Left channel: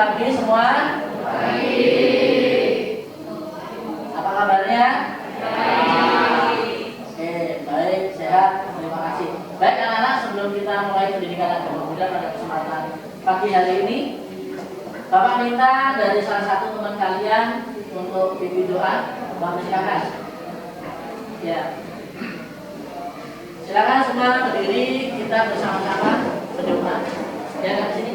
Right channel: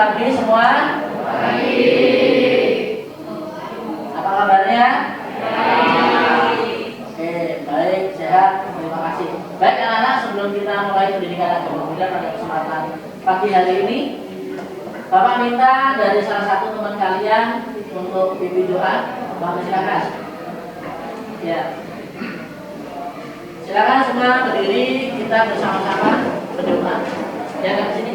pagi semua. Pagi. Apa kabarnya? Baik. Oke, baik, sehat. Terima kasih. Baik anak-anak, sebelum kita mulai pendidikan agama Buddha pada kesempatan pagi hari ini, Bapak minta dari salah satu teman kalian untuk pimpin doa. Bapak silakan. Ya. Silakan semua berdiri, kita bersama-sama berdoa. Ya, ke sini.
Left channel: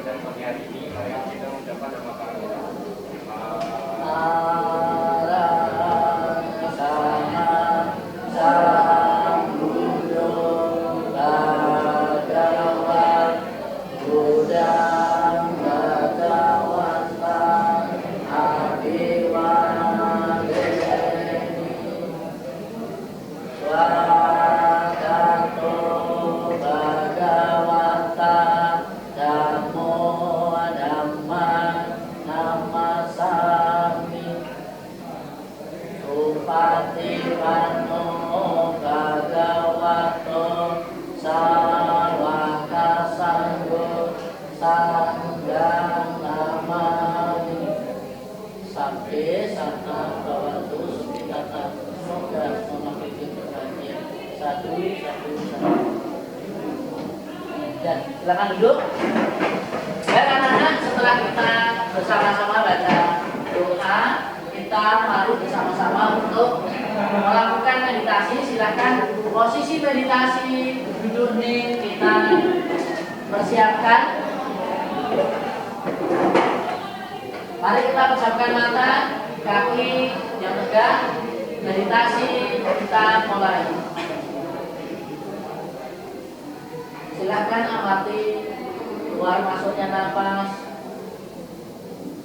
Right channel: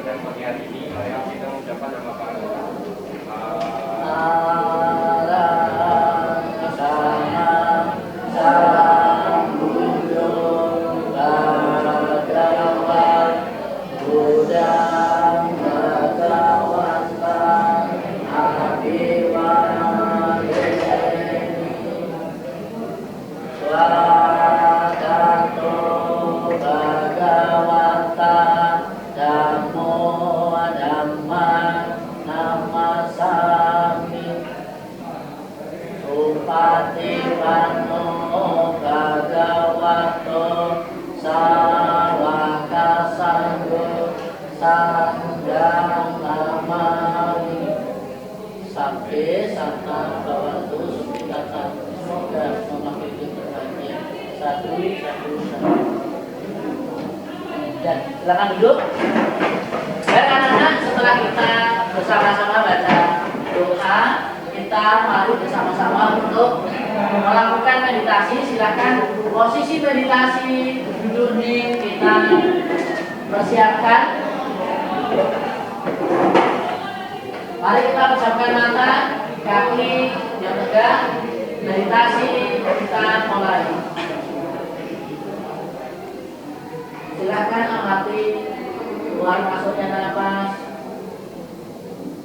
Dan pagi hari ini kita mengucapkan nama silakan duduk. Baik anak-anak, setelah kita bersama-sama baca doa, kita mari bersama-sama untuk melakukan meditasi. Silakan posisi meditasi duduk nih kita persiapkan. Mari kita pejamkan mata, kaki yang tegak, meditasi kita mulai. Silakan amati keluar masuknya nafas,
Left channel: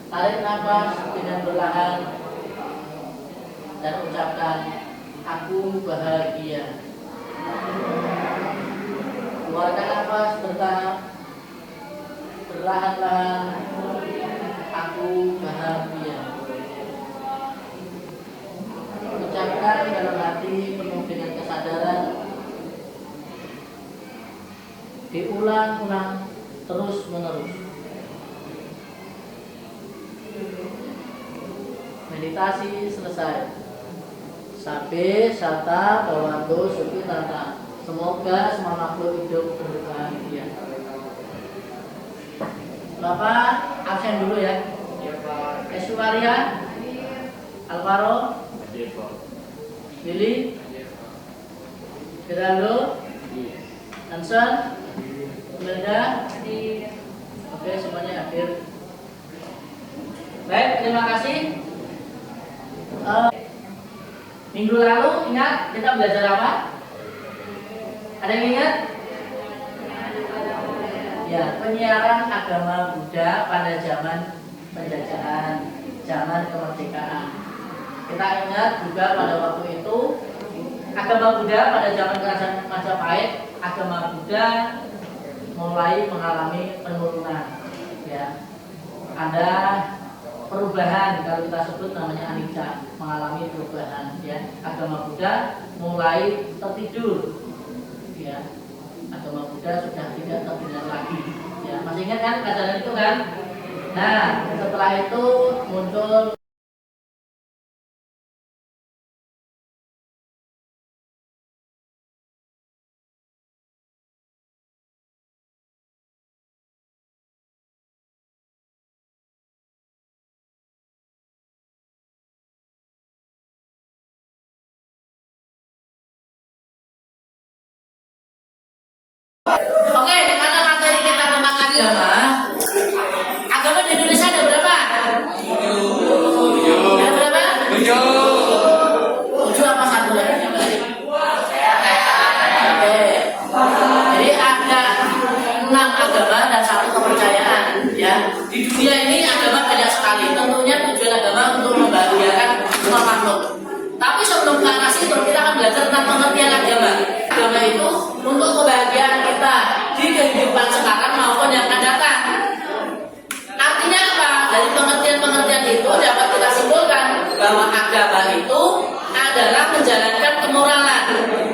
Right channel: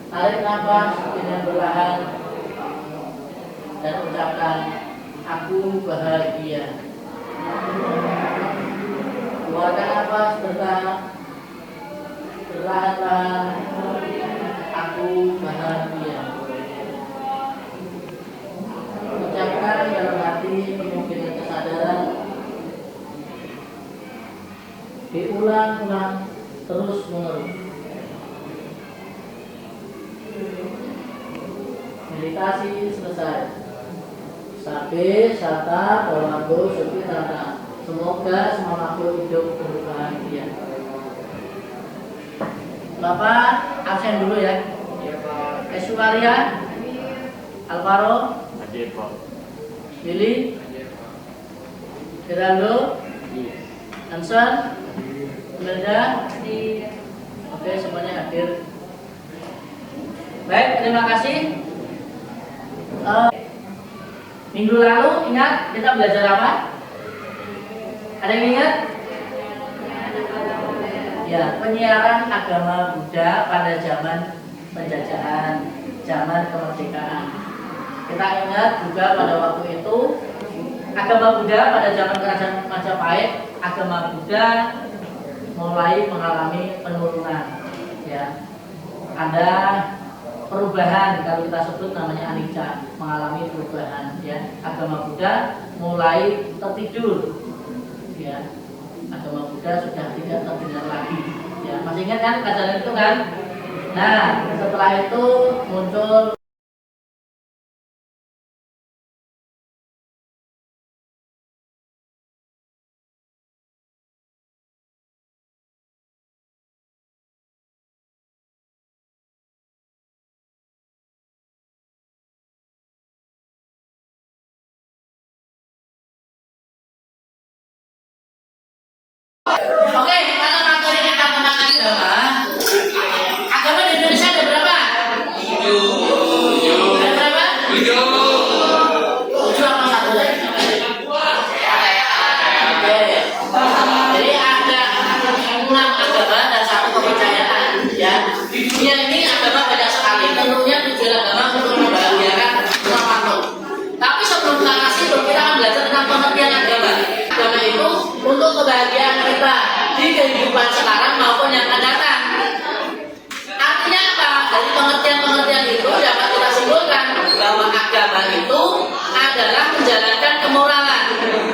tarik nafas dengan perlahan, dan ucapkan aku bahagia. Keluarkan nafas bertahap, perlahan-lahan, aku bahagia. Ucapkan dalam hati penuh dengan kesadaran. Diulang-ulang terus menerus. Meditasi selesai. Sabe sata bawanto suki tata. Semoga semua makhluk hidup berbahagia. Bapak absen dulu ya. Iya Pak. Eswaria, Alvaro, Hadir Pak. Billy, Hadir Pak. Geraldo, Iya. Hanson, Melda, oke semuanya hadir. Baik, terima kasih. Minggu lalu ingat kita belajar apa? Ada yang ingat? Ya, penyiaran agama Buddha pada zaman penjajahan, zaman kemerdekaan. Kita ingat juga pada waktu itu agama Buddha pada zaman kerajaan Majapahit, agama Buddha mulai mengalami penurunan. Ya, ada perubahan, kalau kita sebut namanya anicca, mengalami perubahan. Ya, agama Buddha mulai tertidur. Ya, agama Buddha sudah tidak terdengar lagi. Ya, masih ingat kan pelajaran itu kan? Nah, setelah itu muncul oke, mata materi kita tentang agama. Agama di Indonesia ada berapa? 7. Ada berapa? 7. 7 apa satu lagi? Oke. Jadi ada 6 agama dan 1 kepercayaan. Ya. Di dunia ini agama banyak sekali. Tentunya tujuan agama untuk membahagiakan semua makhluk. Tapi sebelum ke arah situ, kita akan belajar tentang pengertian agama. Agama itu untuk kebahagiaan kita di kehidupan sekarang maupun yang akan datang. Artinya apa? Dari pengertian-pengertian itu dapat kita simpulkan bahwa agama itu adalah menjalankan kemoralan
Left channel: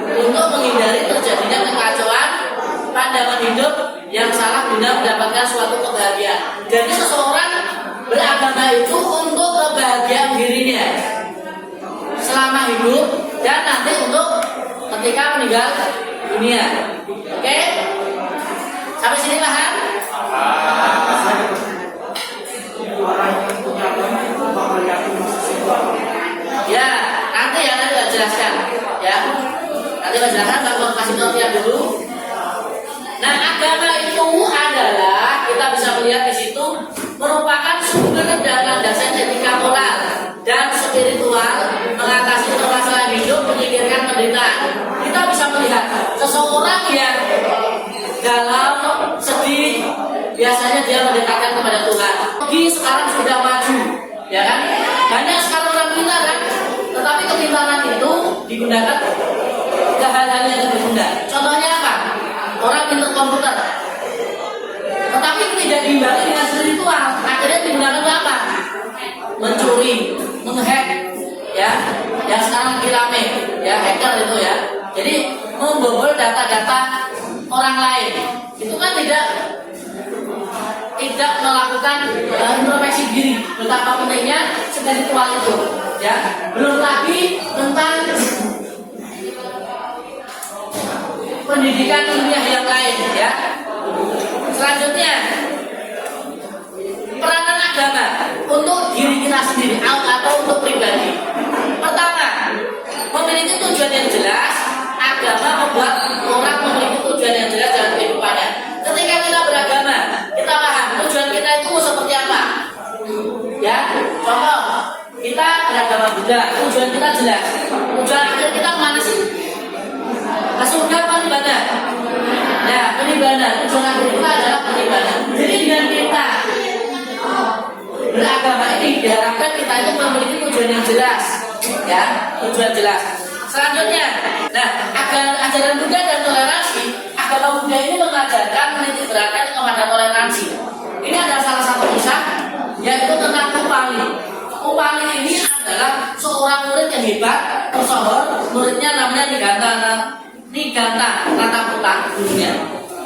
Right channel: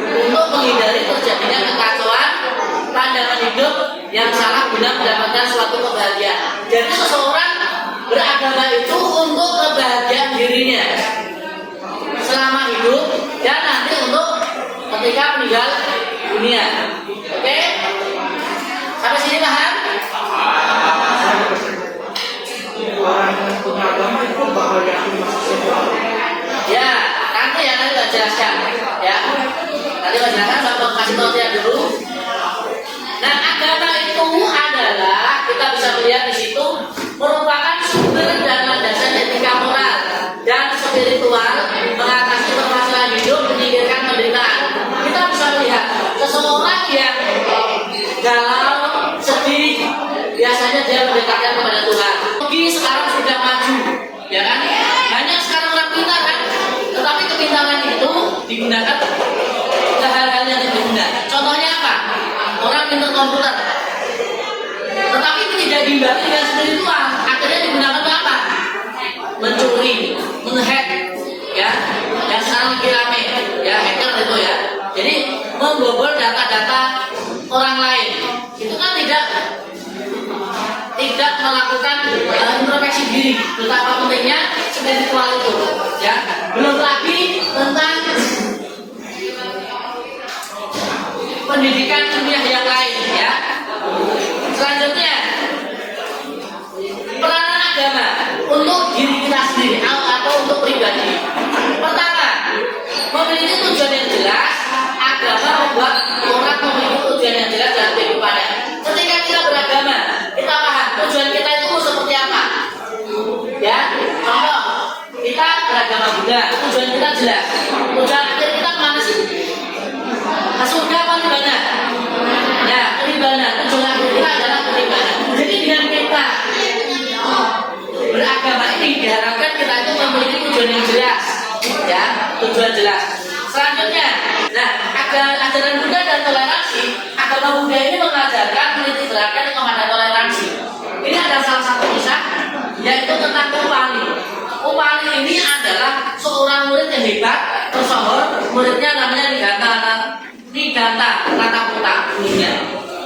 untuk menghindari terjadinya kekacauan pandangan hidup yang salah guna mendapatkan suatu kebahagiaan. Jadi seseorang beragama itu untuk kebahagiaan dirinya selama hidup dan nanti untuk ketika meninggal dunia. Oke? Sampai sini paham? Orang yang punya agama itu bakal yakin masuk surga. Ya, nanti saya jelaskan. Ya, nanti saya jelaskan. Saya kasih pengertian dulu. Nah, agama itu adalah, kita bisa melihat di situ, merupakan sumber dan landasan etika moral dan spiritual mengatasi permasalahan hidup, menyingkirkan penderitaan. Kita bisa melihat seseorang yang galau, sedih, biasanya dia mendekatkan kepada Tuhan. Lagi sekarang sudah maju, ya kan? Banyak sekarang orang pintar kan? Tetapi kepintaran itu digunakan ke hal-hal yang tidak guna. Contohnya apa? Orang pintar komputer, tetapi itu tidak diimbangi dengan spiritual. Akhirnya digunakan untuk apa? Mencuri, menghack, ya. Yang sekarang lagi rame, ya, hacker itu ya. Jadi membobol data-data orang lain. Itu kan tidak melakukan introspeksi diri. Betapa pentingnya spiritual itu, ya. Belum lagi tentang pendidikan ilmiah yang lain, ya. Selanjutnya, peranan agama untuk diri kita sendiri atau untuk pribadi. Pertama, memiliki tujuan yang jelas. Agama membuat orang memiliki tujuan yang jelas dalam kehidupannya. Ketika kita beragama, kita paham tujuan kita itu seperti apa. Ya, contoh, kita beragama Buddha, tujuan kita jelas. Tujuan akhir kita kemana sih? Ke surga apa di mana? Ya, penimbangan. Tujuan akhir kita adalah penimbangan. Jadi dengan kita beragama ini diharapkan kita itu memiliki tujuan yang jelas, ya, tujuan jelas. Selanjutnya, nah, ajaran Buddha dan toleransi. Agama Buddha ini mengajarkan menitik beratkan kepada toleransi. Ini ada salah satu kisah, yaitu tentang Upali. Upali ini adalah seorang murid yang hebat, tersohor. Muridnya namanya Niganta Rataputa dulunya.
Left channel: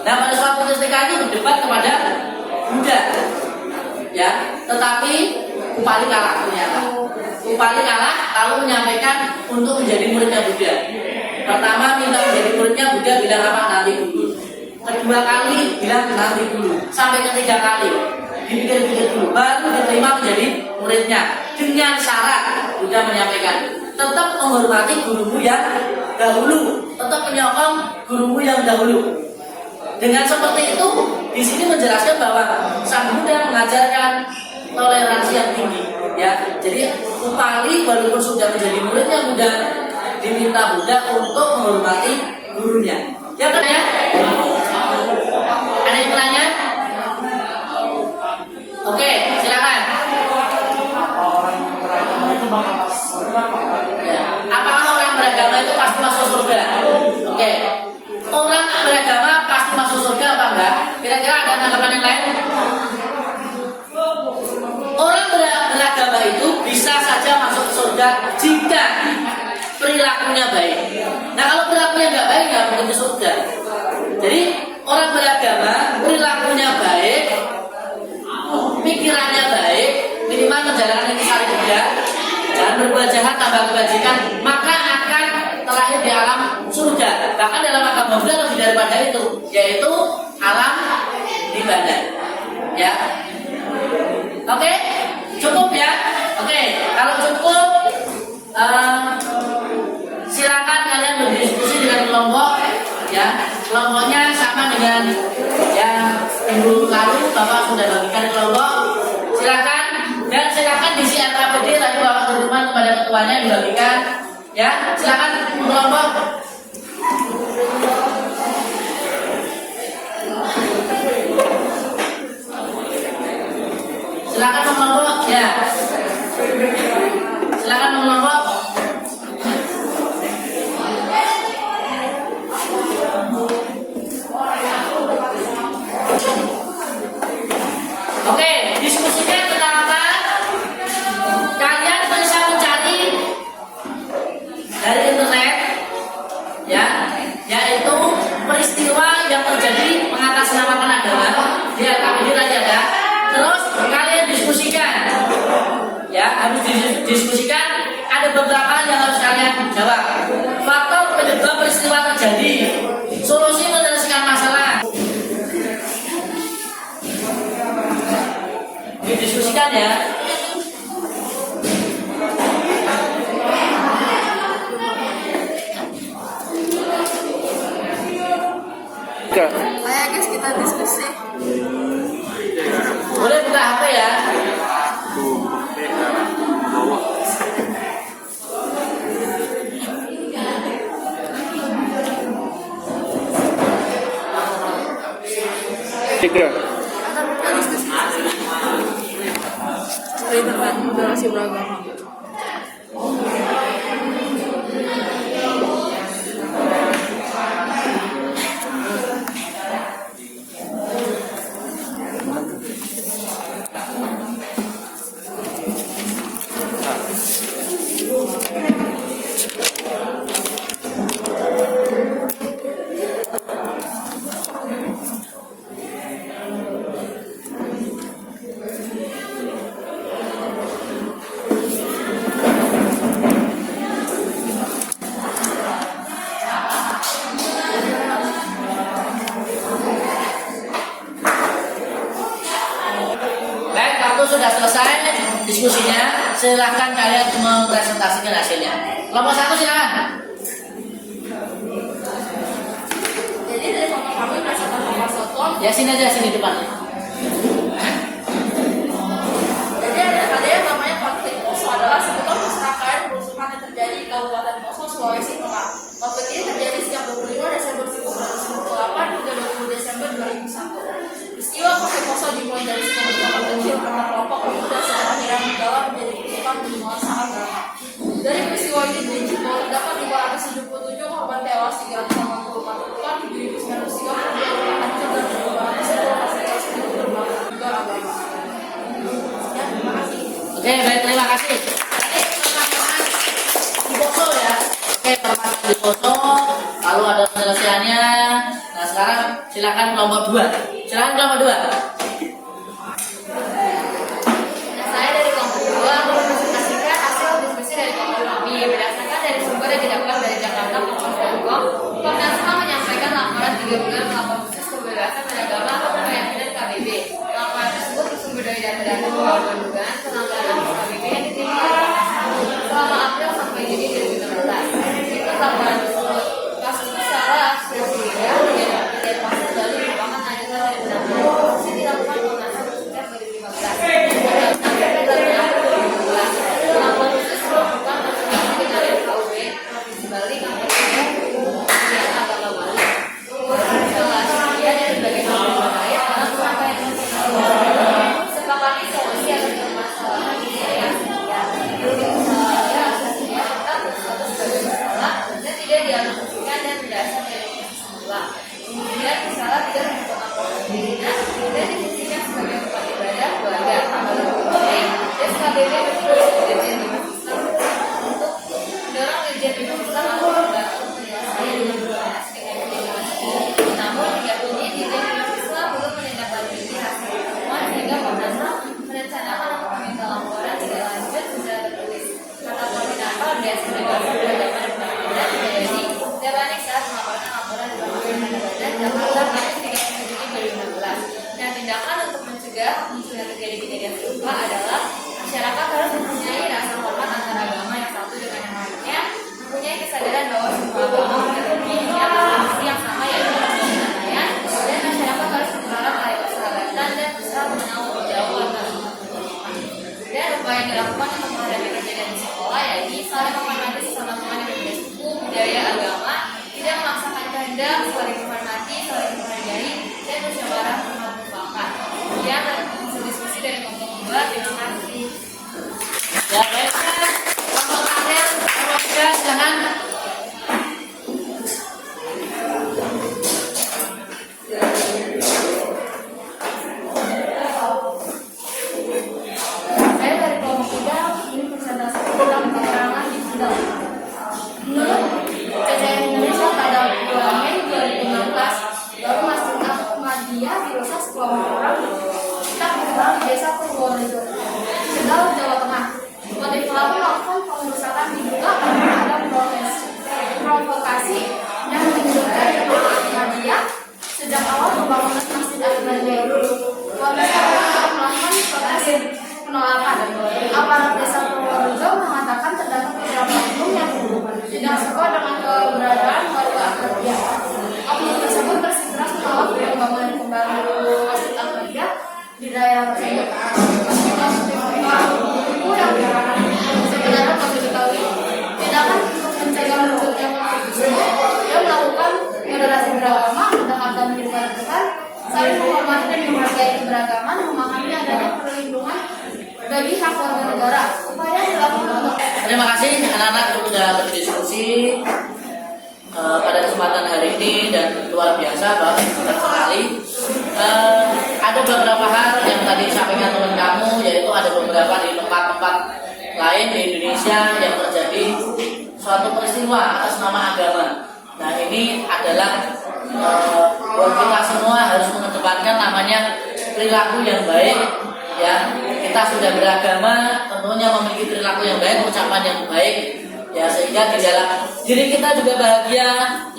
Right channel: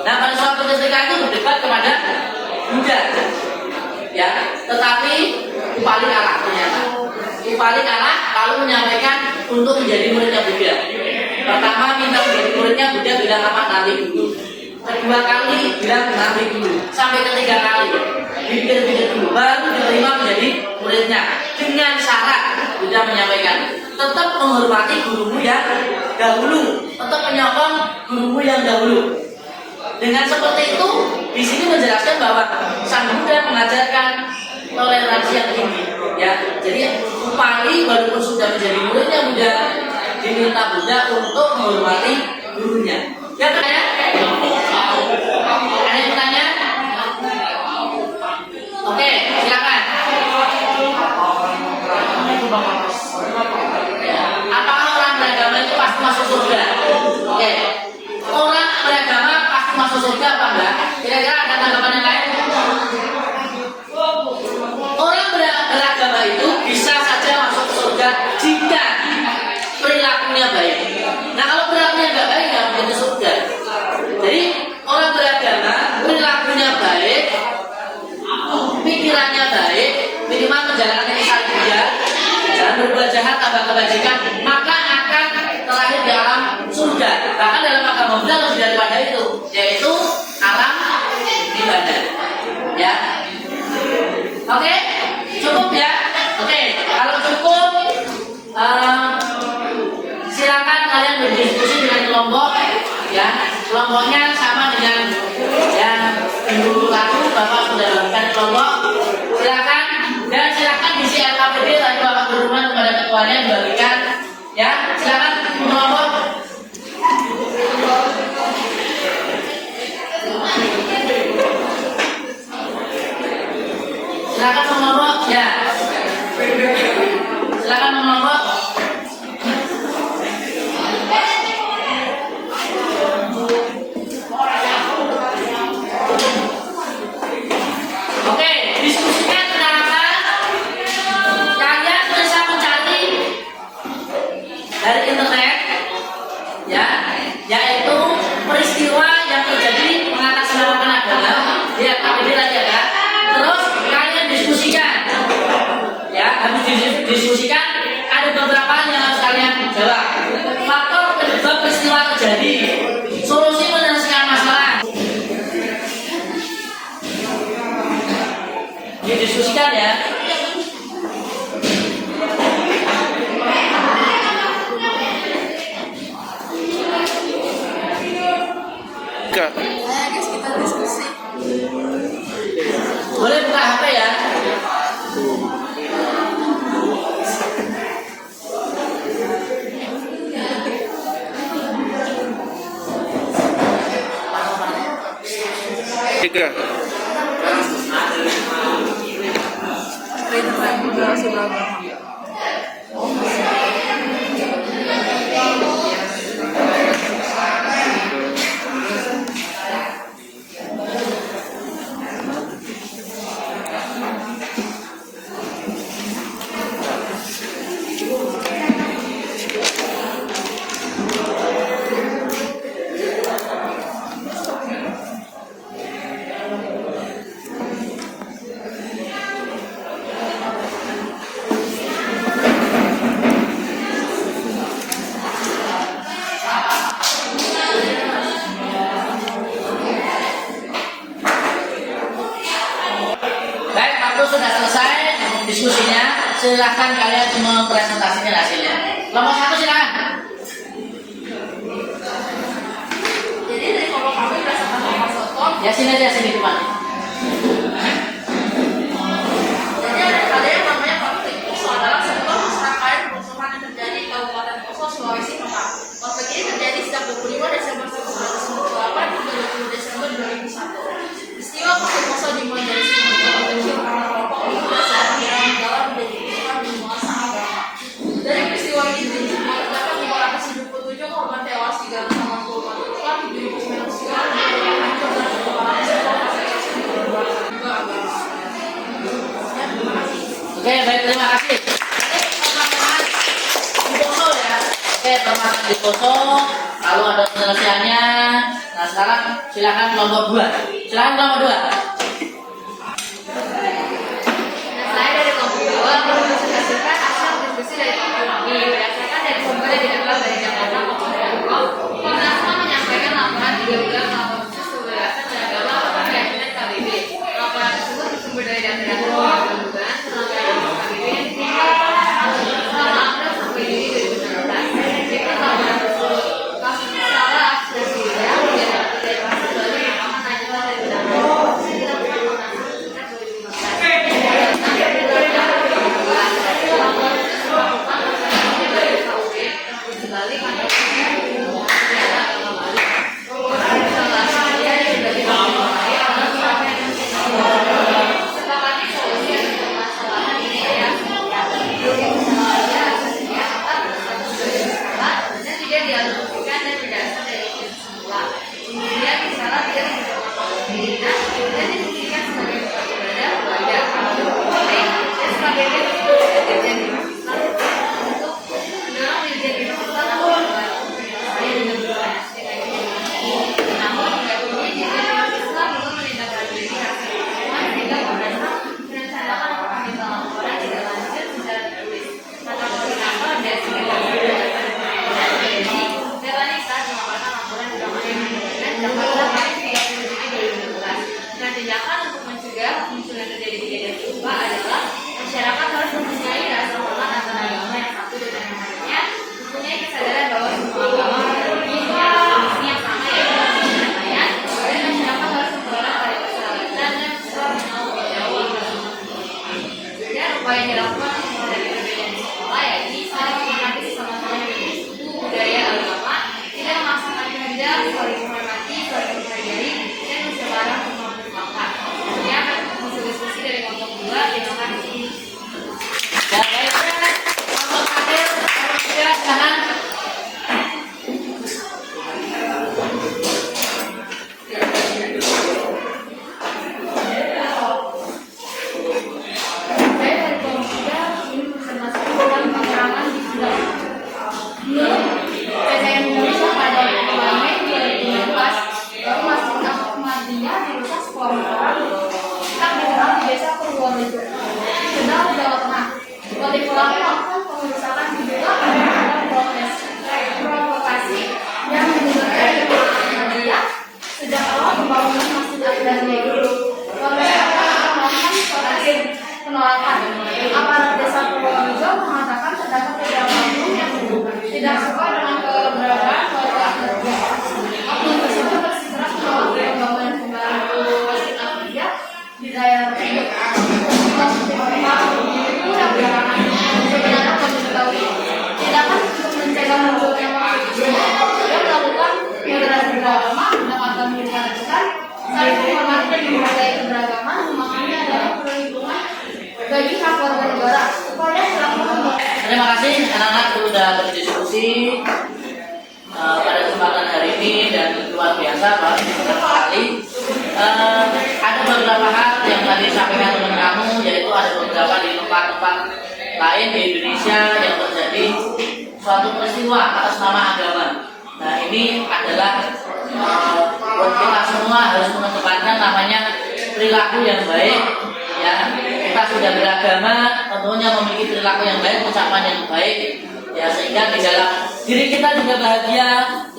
Nah, pada suatu ketika itu berdebat kepada Buddha, ya, tetapi Upali kalah ternyata. Upali kalah lalu menyampaikan untuk menjadi muridnya Buddha. Pertama minta menjadi muridnya Buddha, bilang apa? Nanti dulu. Kedua kali bilang nanti dulu. Sampai ketiga kali dipikir-pikir dulu, baru diterima menjadi muridnya. Dengan syarat Buddha menyampaikan tetap menghormati gurumu yang dahulu, tetap menyokong gurumu yang dahulu. Dengan seperti itu, di sini menjelaskan bahwa Sang Buddha mengajarkan toleransi yang tinggi, ya. Jadi Upali walaupun sudah menjadi muridnya Buddha, diminta Buddha untuk menghormati gurunya. Ya, kan ya? Ada yang bertanya? Oke, silakan. Ya. Apakah orang beragama itu pasti masuk surga? Oke. Orang beragama pasti masuk surga apa enggak? Kira-kira ada tanggapan yang lain? Orang beragama itu bisa saja masuk surga jika perilakunya baik. Nah, kalau perilakunya nggak baik, nggak mungkin ke surga. Jadi orang beragama perilakunya baik, pikirannya baik, minimal menjalankan ini saling Buddha, jangan berbuat jahat, tambah kebajikan, maka akan terlahir di alam surga. Bahkan dalam agama Buddha lebih daripada itu, yaitu alam nibbana. Ya, oke, cukup ya. Oke, kalau cukup, silakan kalian berdiskusi dengan kelompok. Ya, kelompoknya sama dengan yang minggu lalu Bapak sudah bagikan kelompok. Silakan dan silakan diisi LKPD tadi Bapak berhubungan kepada ketuanya dibagikan. Ya, silakan kelompok. Silakan kelompok. Ya, silakan kelompok. Oke, diskusinya tentang apa? Kalian bisa mencari dari internet, ya, yaitu peristiwa yang terjadi Jawab. Faktor penyebab peristiwa terjadi. Solusi menyelesaikan masalah. Didiskusikan ya. Ayo guys, kita diskusi. Boleh buka HP ya. Tiga. Baik, waktu sudah selesai diskusinya. Silahkan kalian mempresentasikan hasilnya. Kelompok 1 silakan. Jadi dari kelompok kami presentasi Mas Soto. Ya sini aja, sini depan. Jadi ada yang namanya konflik Poso adalah sebuah serangkaian kerusuhan yang terjadi di Kabupaten Poso, Sulawesi Tengah. Konflik ini terjadi sejak 25 Desember 1998 hingga 20 Desember 2001. Peristiwa konflik Poso dimulai dari sebuah kelompok kecil karena kelompok ini berhasil akhirnya menggalang menjadi kerusuhan di nuansa agama. Dari peristiwa ini terdapat 577 korban tewas, 364 luka, 7.900 hancur dan perubahan sebuah fasilitas agama. Oke, baik, terima kasih. Nanti permasalahan di Poso ya. Oke, permasalahan di Poso, lalu ada penyelesaiannya. Nah, sekarang silakan kelompok 2. Silakan kelompok 2. Nah, saya dari kelompok 2 mempresentasikan hasil diskusi dari kelompok kami berdasarkan dari sumber yang didapat dari Jakarta maupun Bogor. Komnas HAM menyampaikan laporan 3 bulan laporan khusus kebebasan beragama kementerian dan KBB. Laporan tersebut bersumber dari data-data dugaan pelanggaran KBB yang diterima oleh Komnas HAM selama April sampai Juni 2019. Berikut laporan tersebut. Kasus salah berbeda dari pasal baru merupakan lanjutan dari penanganan yang dilakukan Komnas HAM sejak 2015. Kemudian misalnya dia menyebabkan pembinaan dan difungsikan sebagai tempat ibadah keluarga dan SKBP Dirjen Bimas Islam untuk mendorong Dirjen Bimas Islam untuk membantu penyelesaian dan berkoordinasi dengan Dirjen. Namun hingga kini Dirjen Bimas Islam belum menindaklanjuti hasil pertemuan sehingga Komnas HAM merencanakan untuk meminta laporan tidak lanjut secara tertulis. Mata koordinator dan sekretariat peradaban dan pembinaan PBSI Darwani saat melaporkan laporan di Rumah Sakit Jakarta Kamis 30 Juni 2016. Nah, tindakan untuk mencegah munculnya terjadi kejadian serupa adalah masyarakat harus mempunyai rasa hormat antara agama yang satu dengan yang lainnya, mempunyai kesadaran bahwa semua agama memiliki misi yang sama yaitu perdamaian, dan masyarakat harus memperoleh karya persahabatan dan berusaha menanggung jauh antara umat beragama. Dan upaya yang dilakukan untuk menghadapi perbedaan di sekolah yaitu saling menghormati sesama yang berbeda suku, budaya, agama, tidak memaksakan kehendak, saling menghormati, saling menghargai, dan bersabar untuk mempermufakat. Kemudian hasil diskusi dari kelompok 2. Terima kasih. Ya, baiklah. Kelompok akhir, kelompok 3 silakan. Saya dari kelompok 3 ini presentasi tentang pengurangan di bidang. Menurut CCN Indonesia pada bulan Mei 2016, baru Masjid Ahmadiyah dirusak sekelompok orang yang dikenal di Desa Purworejo, Kendal, Jawa Tengah. Motif menunjukkan dia melakukan moderasi beragama tentang agama di Depan, saling menghormati dan menghargai keberagaman, memahami adanya perlindungan bagi hak warga negara. Upaya dilakukan. Terima kasih anak-anak sudah berdiskusi pada kesempatan hari ini dan luar biasa Pak, senang sekali. Ada beberapa hal yang tadi disampaikan teman kamu, yaitu ada beberapa di tempat-tempat lain di Indonesia yang terjadi suatu peristiwa atas nama agama. Nah ini adalah buat kita semua harus mengedepankan namanya perilaku yang baik. Ya, kita sudah beragama, tentunya memiliki perilaku yang baik, ucapan yang baik, ya sehingga di dalam diri kita juga bahagia,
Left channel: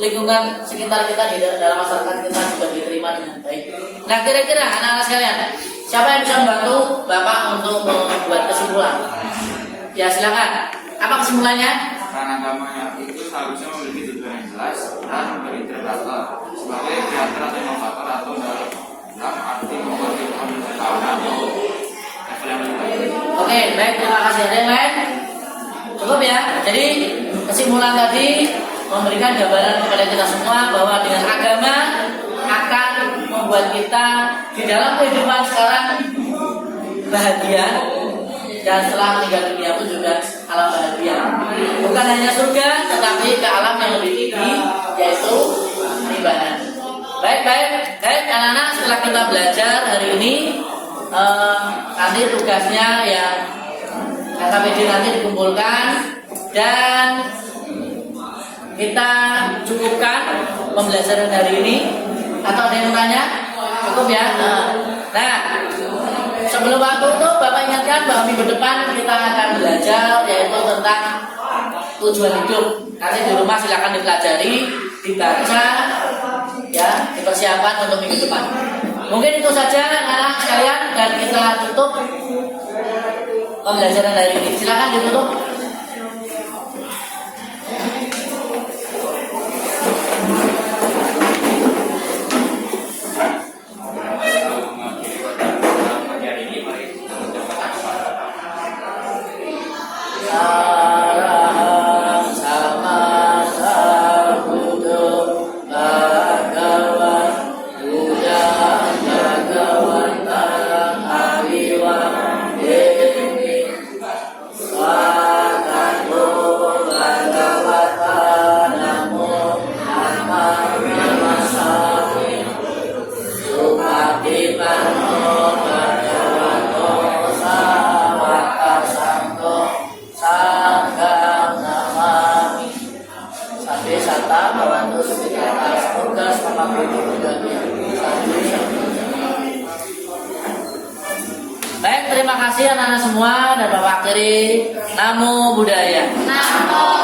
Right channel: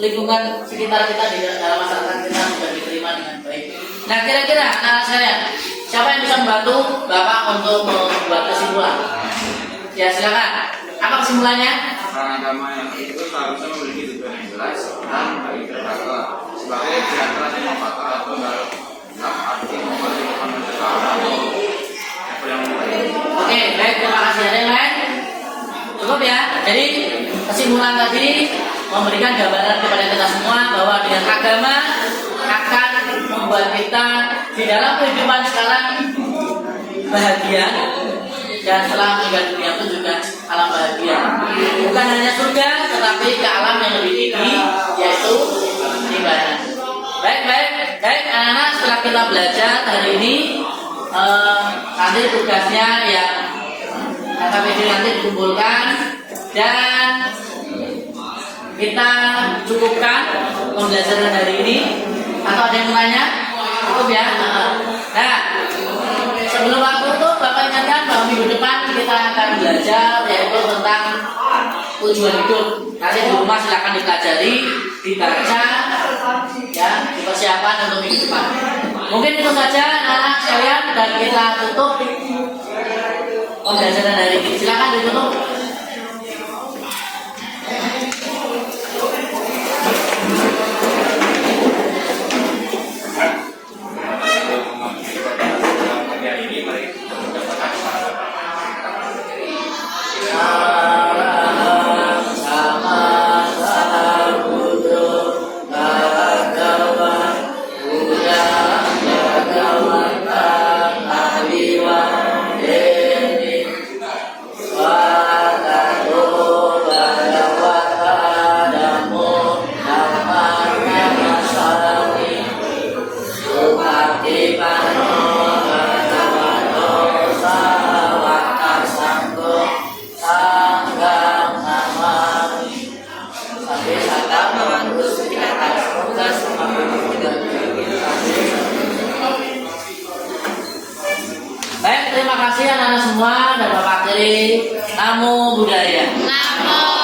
lingkungan sekitar kita di dalam masyarakat kita juga diterima dengan baik. Nah kira-kira anak-anak sekalian, siapa yang bisa membantu Bapak untuk membuat kesimpulan? Ya silakan. Apa kesimpulannya? Peran agama yang itu seharusnya memiliki tujuan yang jelas dan berintegritas sebagai diantara lima faktor atau dalam arti memperhatikan atau Oke, baik, terima kasih. Ada yang lain? Cukup ya. Jadi kesimpulan tadi memberikan gambaran kepada kita semua bahwa dengan agama akan membuat kita di dalam kehidupan sekarang bahagia dan setelah meninggal dunia pun juga alam bahagia. Bukan hanya surga, tetapi ke alam yang lebih tinggi, yaitu peninggalan. Baik, anak-anak, setelah kita belajar hari ini, nanti tugasnya ya KKPD nanti dikumpulkan dan kita cukupkan pembelajaran hari ini. Atau ada yang tanya? Cukup ya. Nah, sebelum waktu itu Bapak ingatkan bahwa minggu depan kita akan belajar yaitu tentang tujuan hidup. Nanti di rumah silakan dipelajari, dibaca, ya, dipersiapkan untuk minggu depan. Mungkin itu saja anak-anak sekalian dan kita tutup pembelajaran hari ini. Silakan ditutup. Baik, terima kasih anak-anak semua dan Bapak akhiri Namo Buddhaya. Namo